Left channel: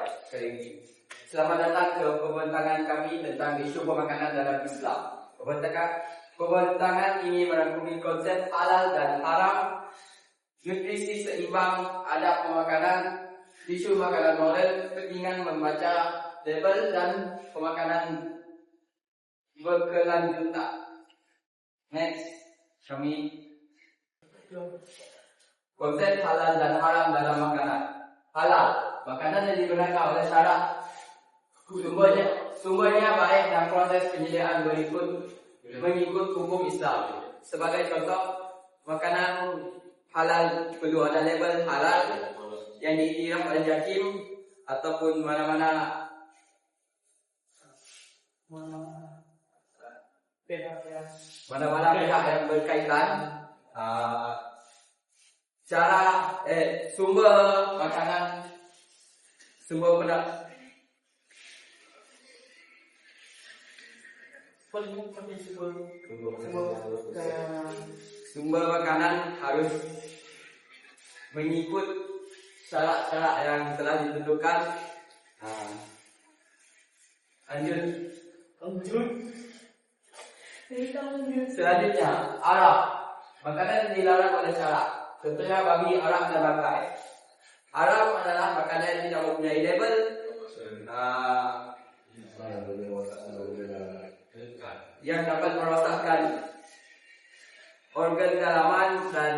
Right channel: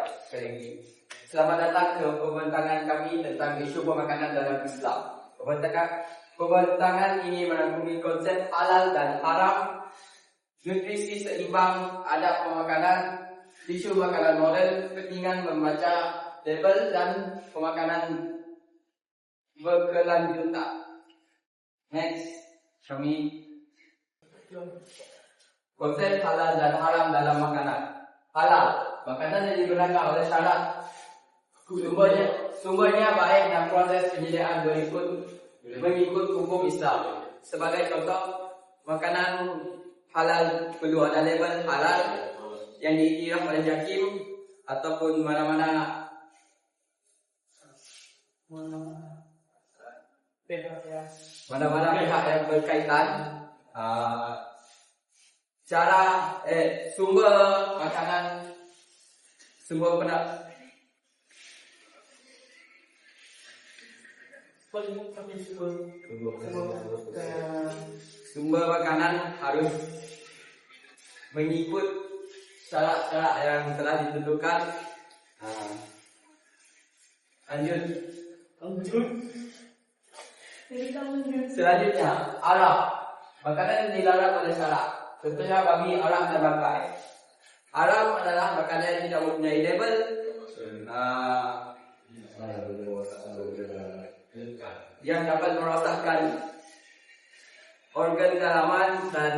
Ya, sekali lagi. Selamat datang ke pembintangan kami tentang isu pemakanan dalam Islam. Pembintangan ini merangkumi konsep halal dan haram, nutrisi seimbang, adab pemakanan, isu makanan moral, keinginan membaca label dan pemakanan berkelanjutan. Next, kami konsep halal dan haram dalam makanan. Halal, makanan yang digunakan oleh syarak sumbernya baik dan proses penyediaan mengikut hukum Islam. Sebagai contoh, makanan halal perlu ada label halal yang diiktiraf oleh JAKIM ataupun mana-mana pihak yang berkaitan. Sumber makanan, sumber makanan harus mengikut syarat-syarat yang telah ditentukan. Lanjut. Selanjutnya, arah. Makanan dilarang oleh syarak. Contohnya babi, arang dan bangkai. Arang adalah makanan yang tidak mempunyai label, yang dapat merosakkan organ dalaman dan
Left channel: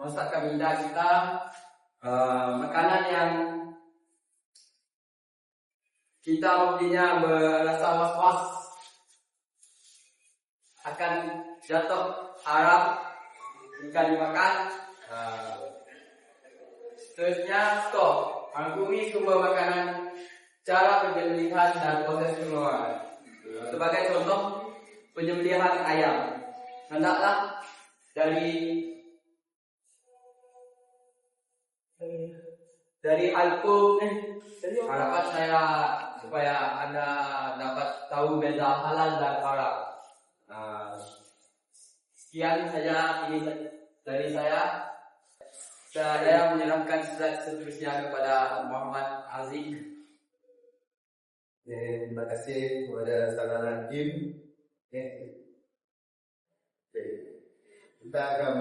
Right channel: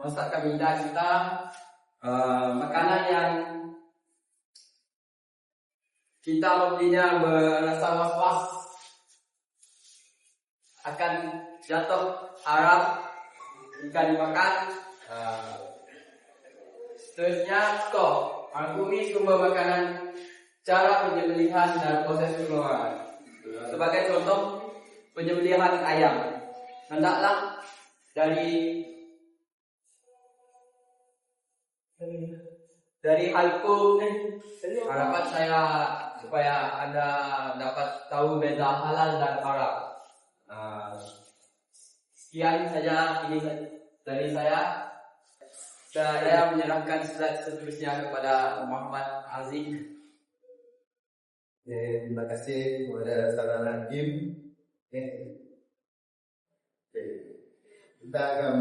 merosakkan minda kita. Makanan yang kita mestinya merasa was-was akan jatuh haram jika dimakan. Seterusnya, stok. Rangkumi sumber makanan, cara penyembelihan dan proses pengeluaran. Sebagai contoh, penyembelihan ayam. Hendaklah dari halkum. Harapan saya supaya Anda dapat tahu beza halal dan haram. Sekian saja ini dari saya. Saya menyerahkan slide seterusnya kepada Muhammad Aziz. Terima kasih kepada Saudara Hakim. Kita akan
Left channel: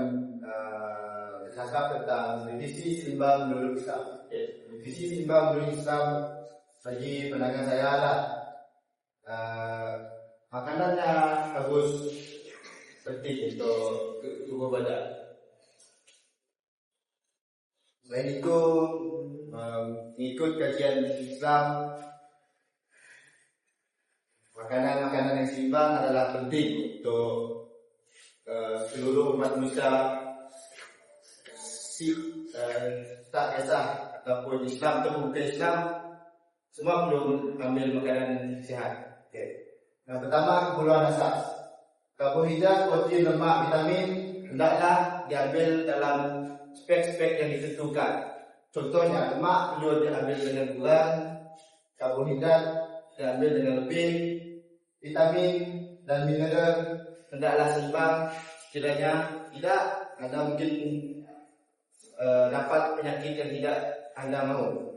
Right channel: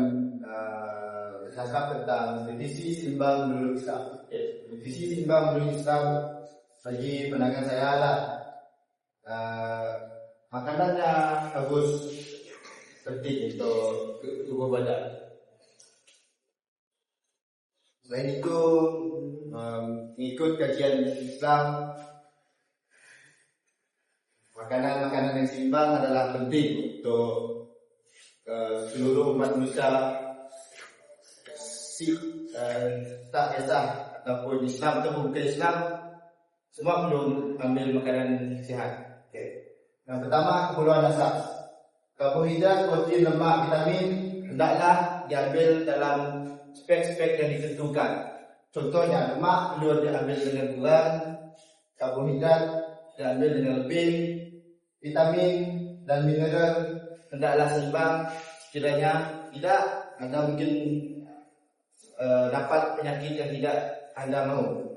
bercakap tentang definisi seimbang menurut Islam. Definisi seimbang menurut Islam bagi pandangan saya adalah makanannya harus penting untuk tubuh badan. Selain itu, mengikut kajian Islam, makanan-makanan yang seimbang adalah penting untuk seluruh umat manusia, Sikh, tak kisah ataupun Islam atau bukan Islam, semua perlu ambil makanan sihat. Yang pertama, keperluan asas. Karbohidrat, protein, lemak, vitamin hendaklah diambil dalam spek-spek yang ditentukan. Contohnya, lemak perlu diambil dengan kurang, karbohidrat diambil dengan lebih, vitamin dan mineral hendaklah seimbang. Sekiranya tidak, Anda mungkin dapat penyakit yang tidak Anda mahu.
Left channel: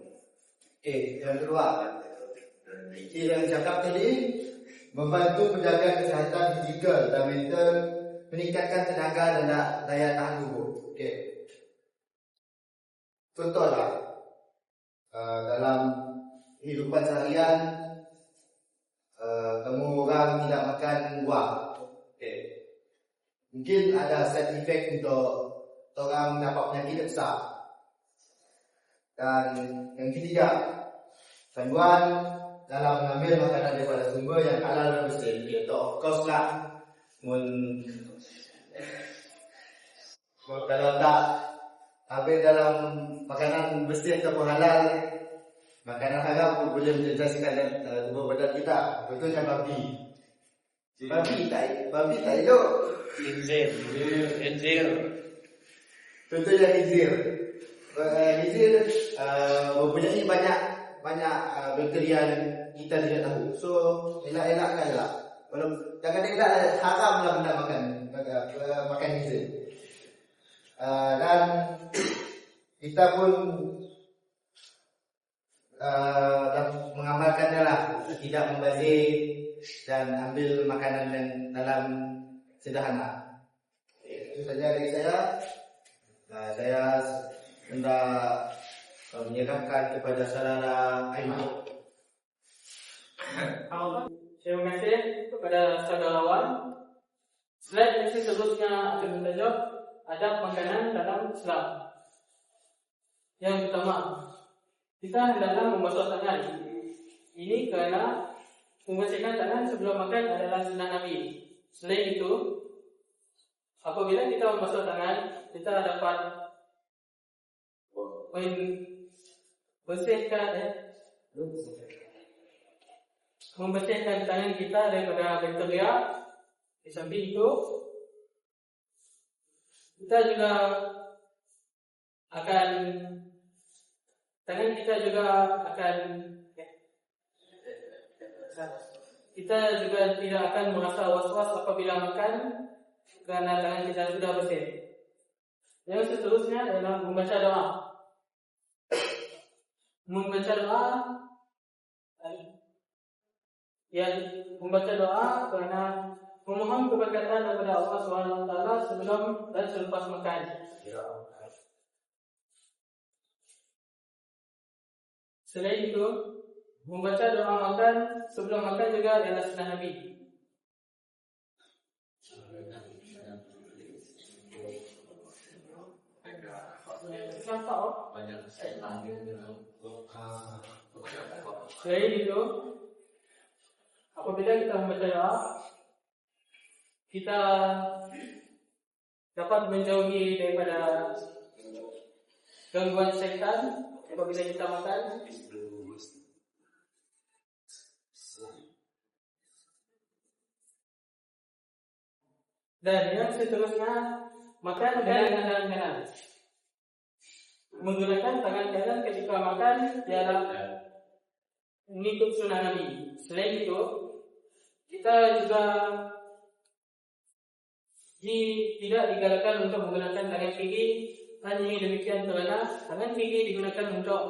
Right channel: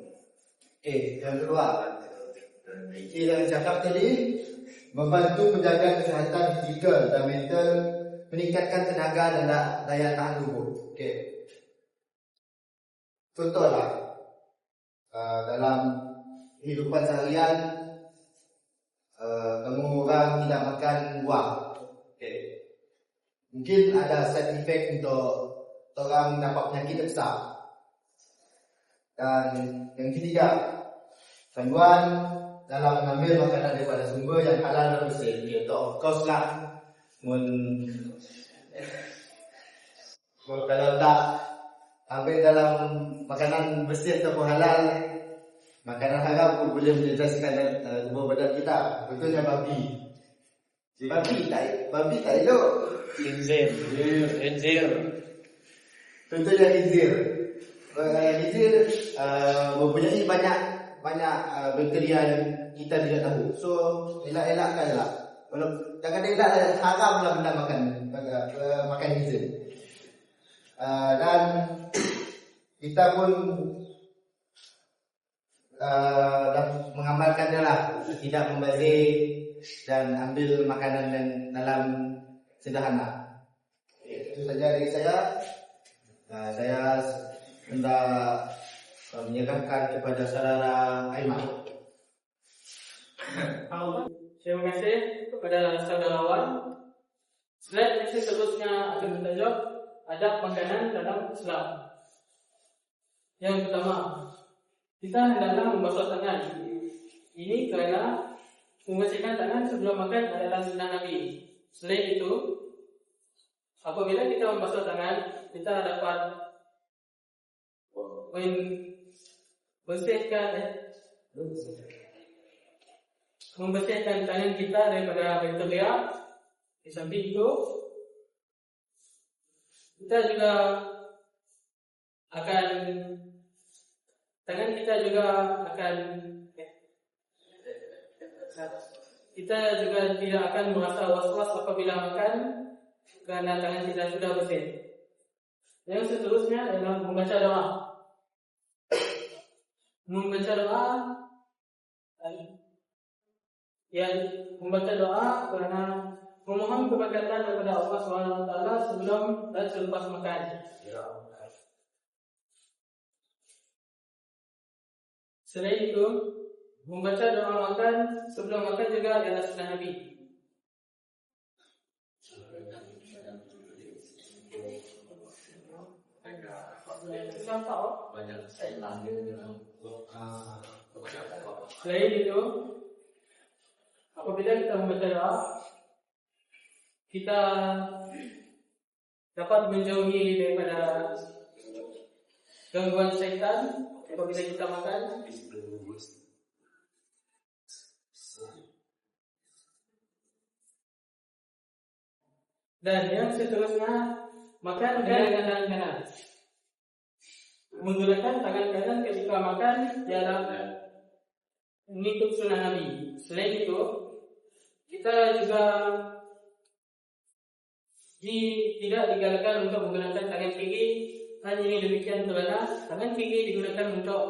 Yang kedua, yang cakap tadi, membantu menjaga kesihatan fizikal dan mental, meningkatkan tenaga dan daya tahan tubuh. Contohlah, dalam kehidupan seharian, kamu orang tidak makan buah. Mungkin ada side effect untuk orang dapat penyakit besar. Dan yang ketiga, panduan dalam mengambil makanan daripada sumber yang halal dan bersih. Iaitu of course lah, kalau tak ambil dalam makanan bersih ataupun halal, makanan haram pun boleh menjejaskan tubuh badan kita. Contohnya babi. Babi tak elok. Khinzir. Contohnya khinzir. Khinzir mempunyai banyak bakteria yang kita tidak tahu. So elak-elakkanlah. Kalau kadang-kadang haramlah benda makan khinzir. Dan kita pun mengamalkannya lah, tidak membazir dan ambil makanan dan dalam sederhana. Itu saja dari saya. Saya hendak menyerahkan kepada saudara Aiman. Terima kasih kepada saudara Wan. Slide yang seterusnya akan menunjuk adab makanan dalam Islam. Yang pertama, kita hendaklah membasuh tangan. Ini kerana membersihkan tangan sebelum makan adalah sunnah Nabi. Selain itu, apabila kita membasuh tangan, kita dapat membersihkan tangan kita daripada bakteria. Di samping itu, kita juga akan tidak akan merasa was-was apabila makan kerana tangan kita sudah bersih. Yang seterusnya adalah membaca doa. Membaca doa kerana memohon keberkatan kepada Allah SWT sebelum dan selepas makan. Selain itu, membaca doa makan sebelum makan juga adalah sunnah Nabi. Selain itu, apabila kita membaca doa, kita dapat menjauhi daripada gangguan syaitan apabila kita makan. Dan yang seterusnya, makan dengan tangan kanan. Menggunakan tangan kanan ketika makan adalah mengikut sunnah Nabi. Selain itu, kita juga tidak digalakkan untuk menggunakan tangan kiri. Hanya demikian kerana tangan kiri digunakan untuk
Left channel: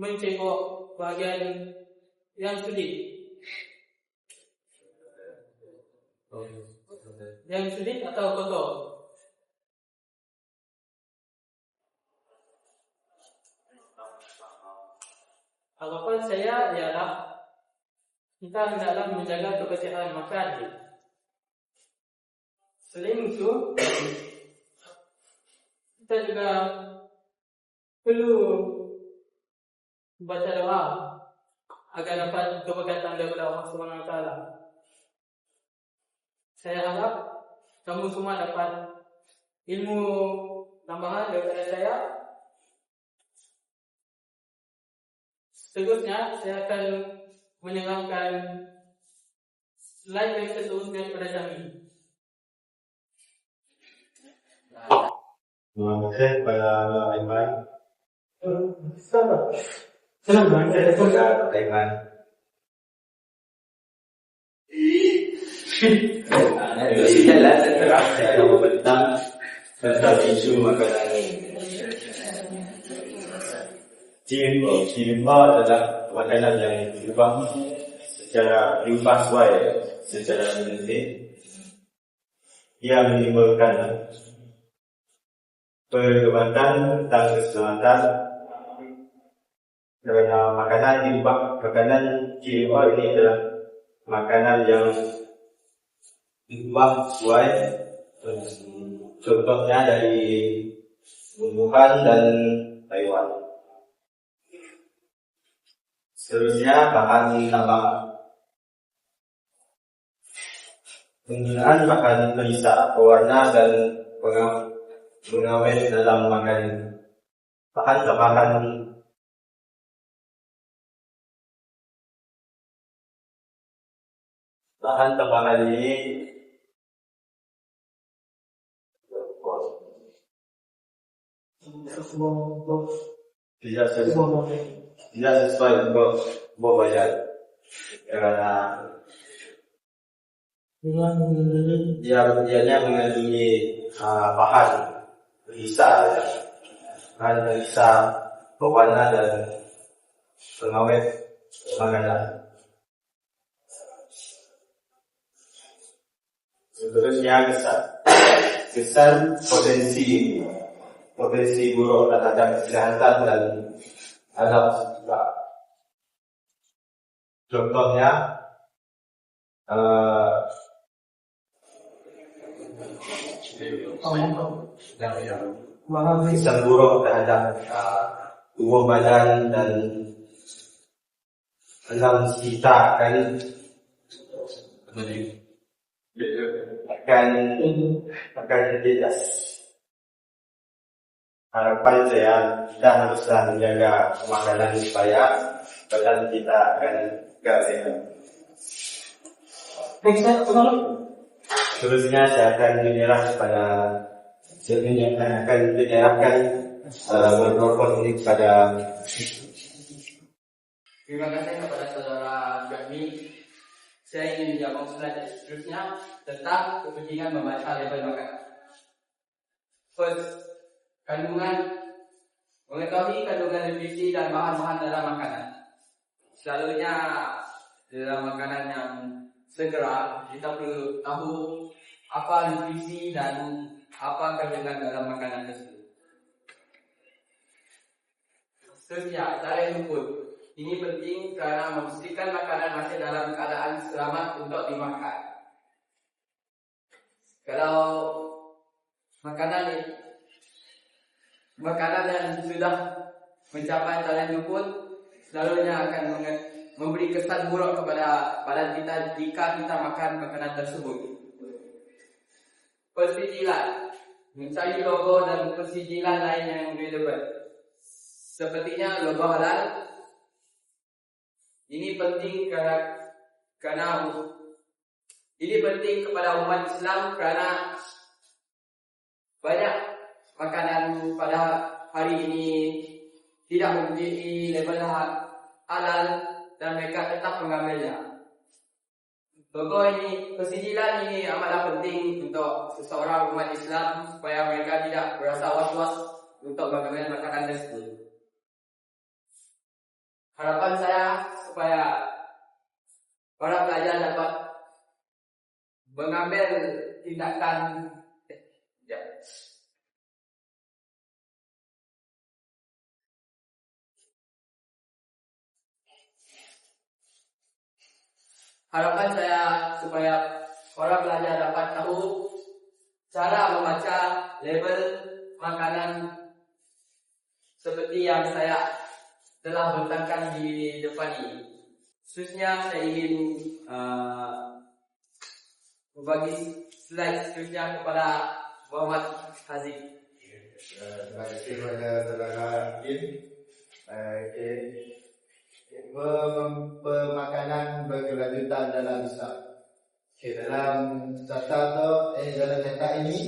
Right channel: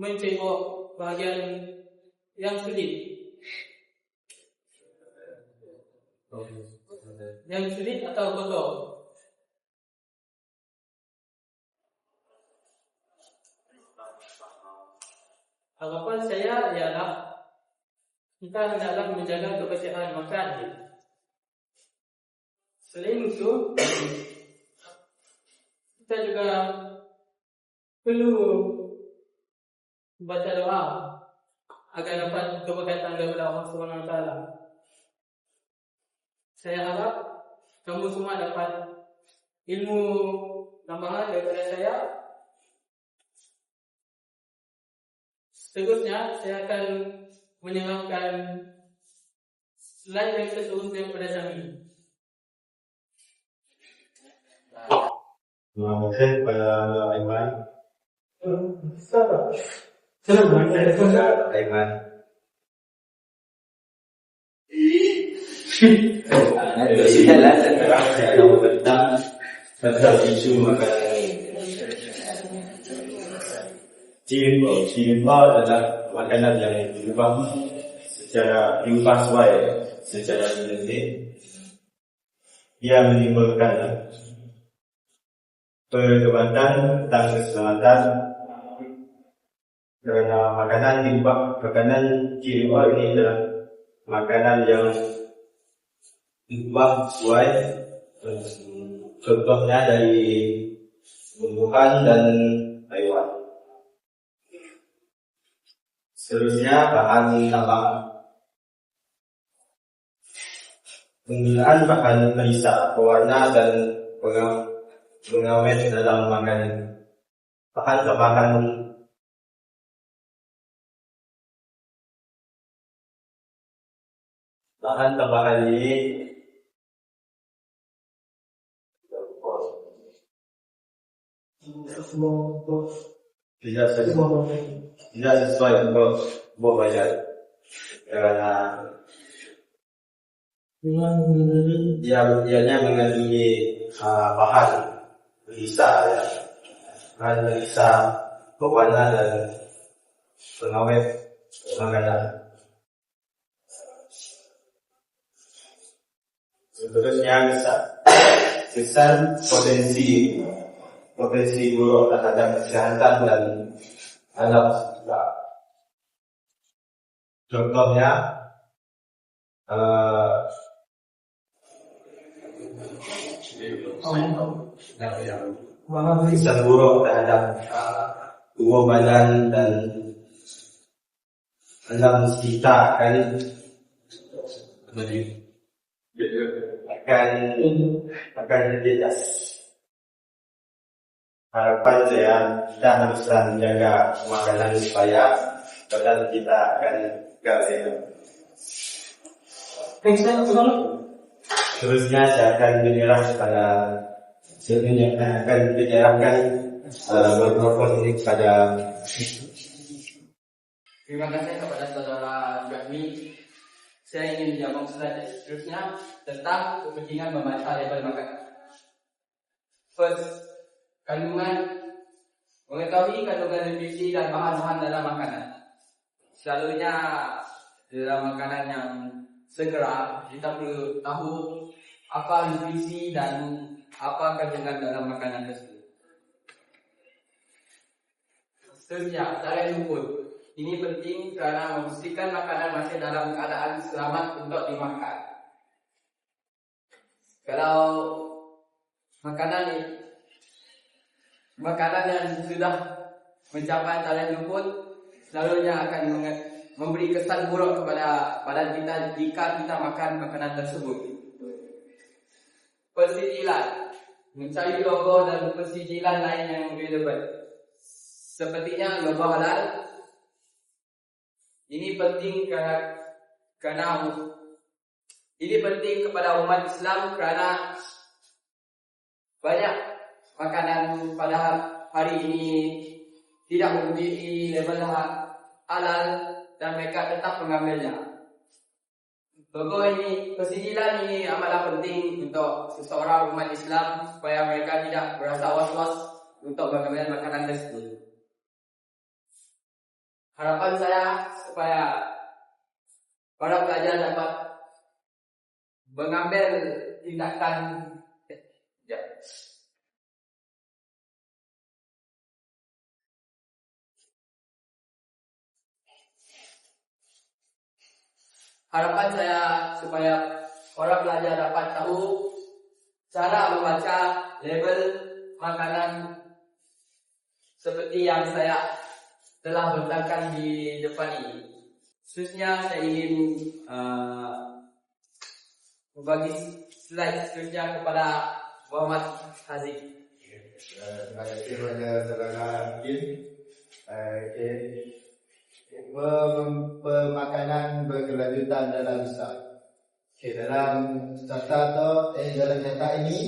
mencebok bahagian yang sulit. Yang sulit atau kotor. Harapan saya ialah kita hendaklah menjaga kebersihan makan. Selain itu, kita juga perlu baca doa agar dapat keberkatan daripada Allah SWT. Saya harap kamu semua dapat ilmu tambahan daripada saya. Seterusnya, saya akan menyerahkan slide yang seterusnya kepada Syamil. Terima kasih kepada Aiman. Aiman. Tentang isu makanan. Cimba adalah makanan yang diubah sesuai secara genetik. Ia menimbulkan perdebatan tentang keselamatan kerana makanan GMO ini adalah makanan yang diubah sesuai, contohnya dari tumbuhan dan haiwan. Seterusnya bahan tambahan. Penggunaan bahan pelisa, pewarna dan pengawet dalam makanan. Bahan tambahan ini tidak sesuai untuk bayar karena dianya mengandungi bahan pelisa, pewarna dan pengawet makanan. Seterusnya besar potensi buruk terhadap kesehatan dan alam sekitar. Contohnya kesan buruk terhadap tubuh badan dan alam sekitar akan tidak. Harapan saya kita harus menjaga makanan supaya badan kita akan sehat. Terusnya saya akan menyerahkan mikrofon ini kepada. Terima kasih kepada saudara Jami. Saya ingin menjawab seterusnya tentang kepentingan membaca label makanan. First, mengetahui kandungan nutrisi dan bahan-bahan dalam makanan. Selalunya dalam makanan yang segera kita perlu tahu apa nutrisi dan apa kandungan dalam makanan tersebut. Seterusnya, cara jemput. Ini penting kerana memastikan makanan masih dalam keadaan selamat untuk dimakan. Kalau makanan yang sudah mencapai talan jemput, selalunya akan memberi kesan buruk kepada badan kita jika kita makan makanan tersebut. Persijilan, mencari logo dan persijilan lain yang relevan. Sepertinya logo halal. Ini penting kepada umat Islam kerana banyak makanan pada hari ini tidak memiliki label halal dan mereka tetap mengambilnya. Logo ini, persijilan ini amatlah penting untuk seseorang umat Islam supaya mereka tidak berasa was-was untuk mengambil makanan tersebut. Harapan saya supaya para pelajar dapat mengambil tindakan Harapan saya supaya para pelajar dapat tahu cara membaca label makanan seperti yang saya telah bentangkan di depan ini. Seterusnya saya ingin membagi slide seterusnya kepada Muhammad Haziq. Terima kasih kepada saudara Din. Pemakanan berkelanjutan dalam Islam. Dalam cerita ini,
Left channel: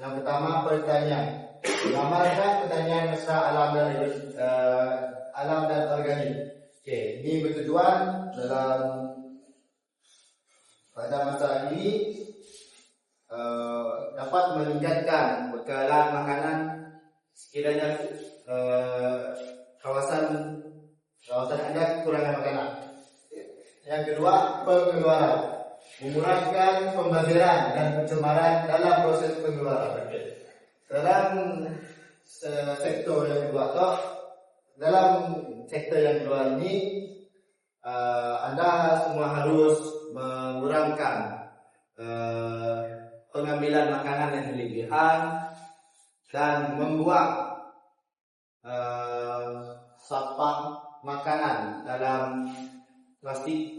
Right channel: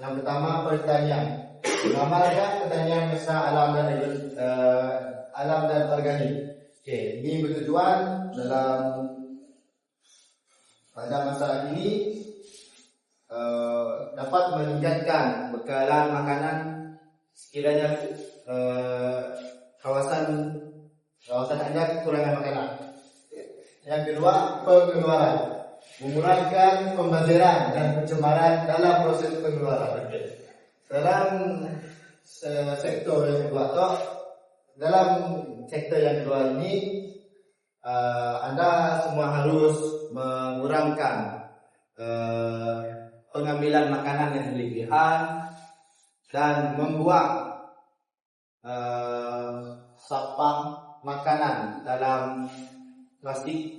yang pertama pertanyaan. Mengamalkan pertanyaan mesra alam dan organik. Ini bertujuan pada masa ini dapat meningkatkan bekalan makanan sekiranya kawasan Anda kekurangan makanan. Yang kedua, pengeluaran. Memurahkan pembaziran dan pencemaran dalam proses pengeluaran. Dalam sektor yang kedua ini, Anda semua harus mengurangkan pengambilan makanan yang berlebihan dan membuang sampah makanan dalam plastik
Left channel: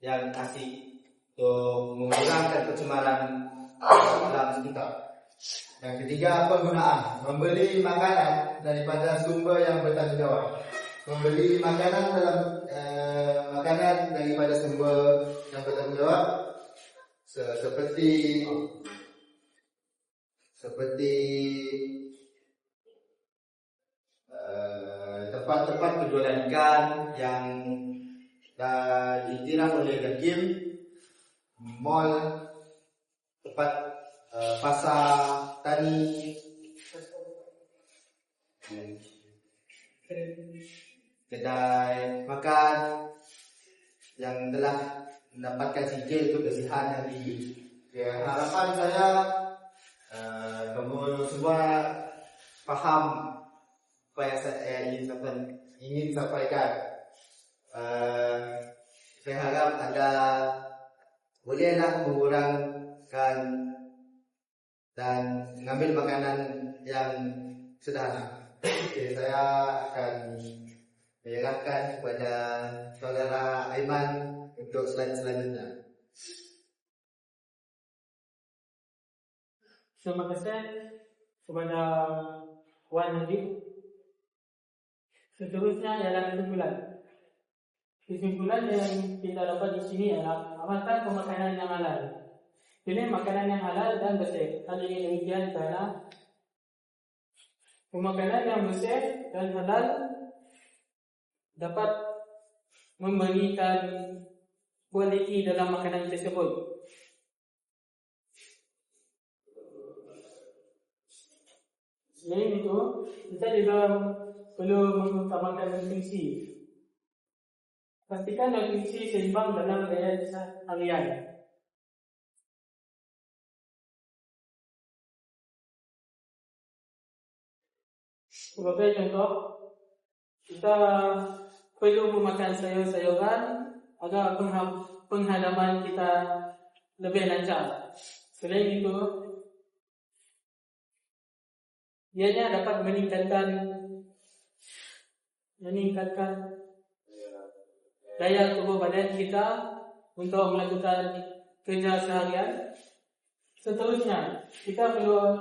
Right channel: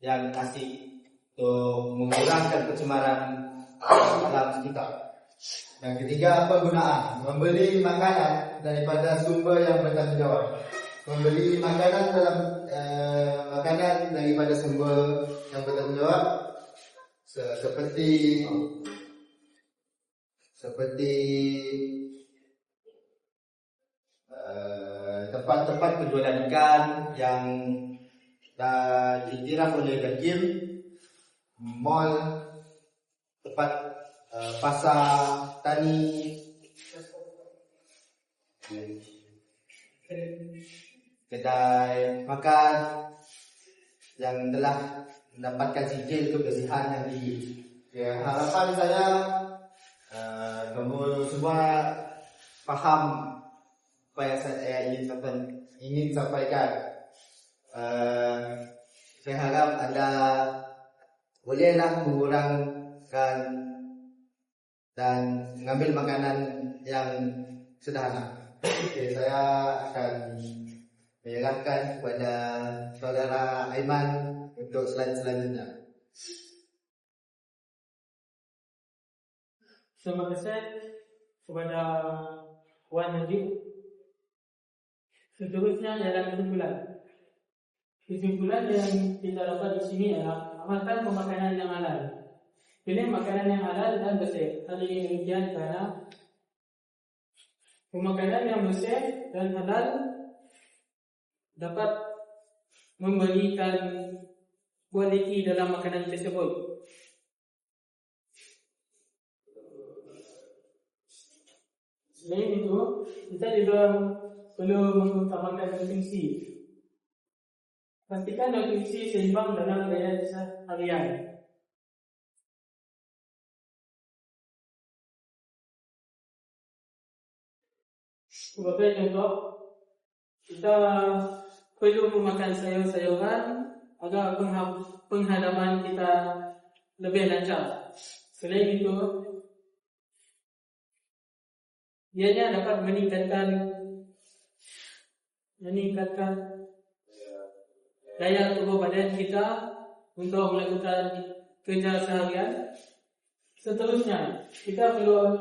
yang plastik untuk mengurangkan pencemaran alam sekitar. Yang ketiga, penggunaan. Membeli makanan daripada sumber yang bertanggung jawab. Membeli makanan daripada sumber yang bertanggung jawab seperti tempat-tempat penjualan ikan yang ditiram oleh Gakim, mall, tempat pasar tani, kedai makan yang telah mendapatkan sijil untuk kelebihan yang tinggi. Ya, harapan saya kamu semua paham apa yang saya ingin sampaikan. Saya harap Anda bolehlah mengurangkan dan mengambil makanan yang sederhana. Oke, saya akan menyerahkan kepada saudara Aiman untuk slide selanjutnya. Terima kasih kepada Wan Najib. Seterusnya ialah kesimpulan. Kesimpulan yang kita dapat di sini adalah amalkan pemakanan yang halal. Pilih makanan yang halal dan bersih. Hal ini demikian karena pemakanan yang bersih dan halal dapat memberikan kualiti dalam makanan tersebut. Selain itu, kita juga perlu mengutamakan nutrisi. Pastikan nutrisi seimbang dalam gaya harian. Sebagai contoh, kita perlu memakan sayur-sayuran agar penghadapan kita lebih lancar. Selain itu, ianya dapat meningkatkan daya tubuh badan kita untuk melakukan kerja seharian. Seterusnya, kita perlu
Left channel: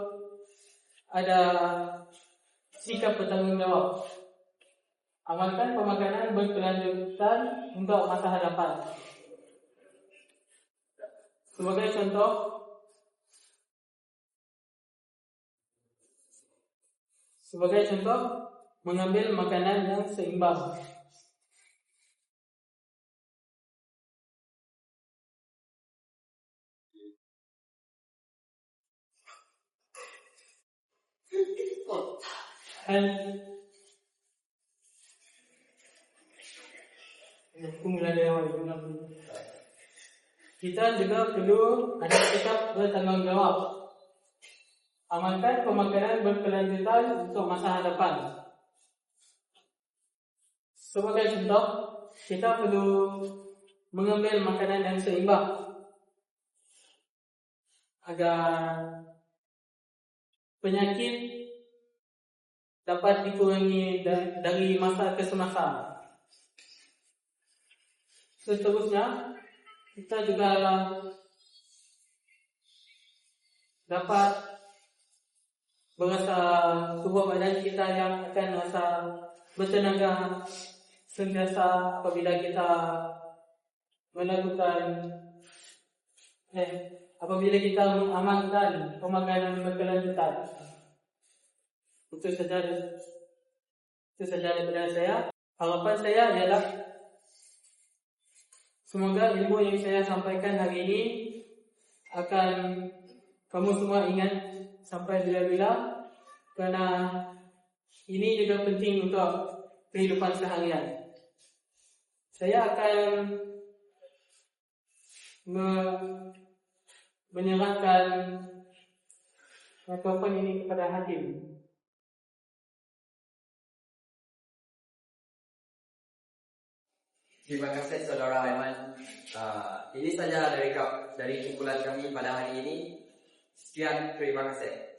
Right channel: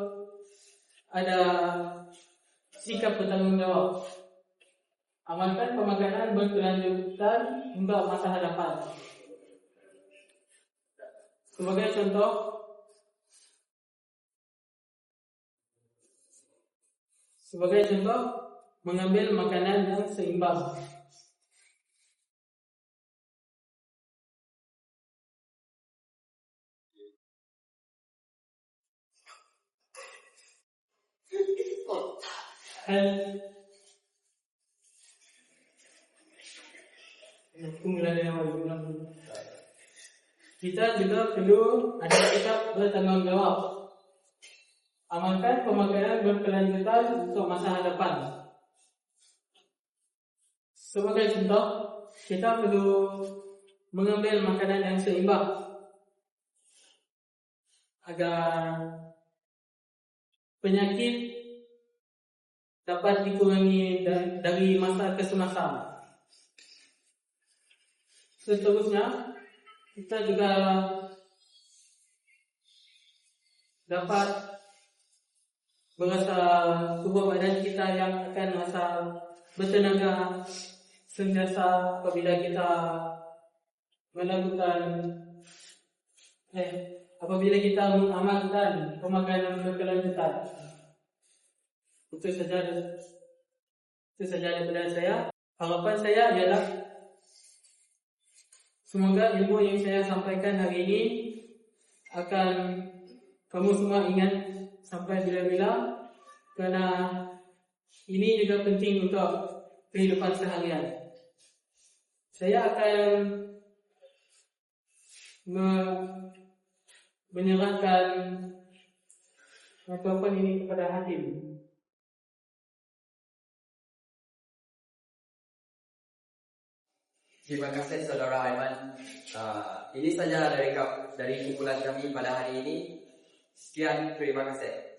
ada sikap bertanggungjawab. Amalkan pemakanan berkelanjutan untuk masa hadapan. Sebagai contoh, mengambil makanan yang seimbang. Kita juga perlu ada sikap bertanggung jawab. Amalkan pemakanan berkelanjutan untuk masa hadapan. Sebagai contoh, kita perlu mengambil makanan yang seimbang agar penyakit dapat dikurangi dari masa ke semasa. Seterusnya, kita juga dapat merasa tubuh badan kita yang akan merasa bertenaga sentiasa apabila kita mengamalkan pemakanan berkelanjutan. Itu saja daripada saya. Harapan saya adalah semoga ilmu yang saya sampaikan hari ini akan kamu semua ingat sampai bila-bila, karena ini juga penting untuk kehidupan seharian. Saya akan menyerahkan mikrofon ini kepada hakim. Terima kasih saudara Aiman. Ini saja dari kumpulan kami pada hari ini. Sekian, terima kasih.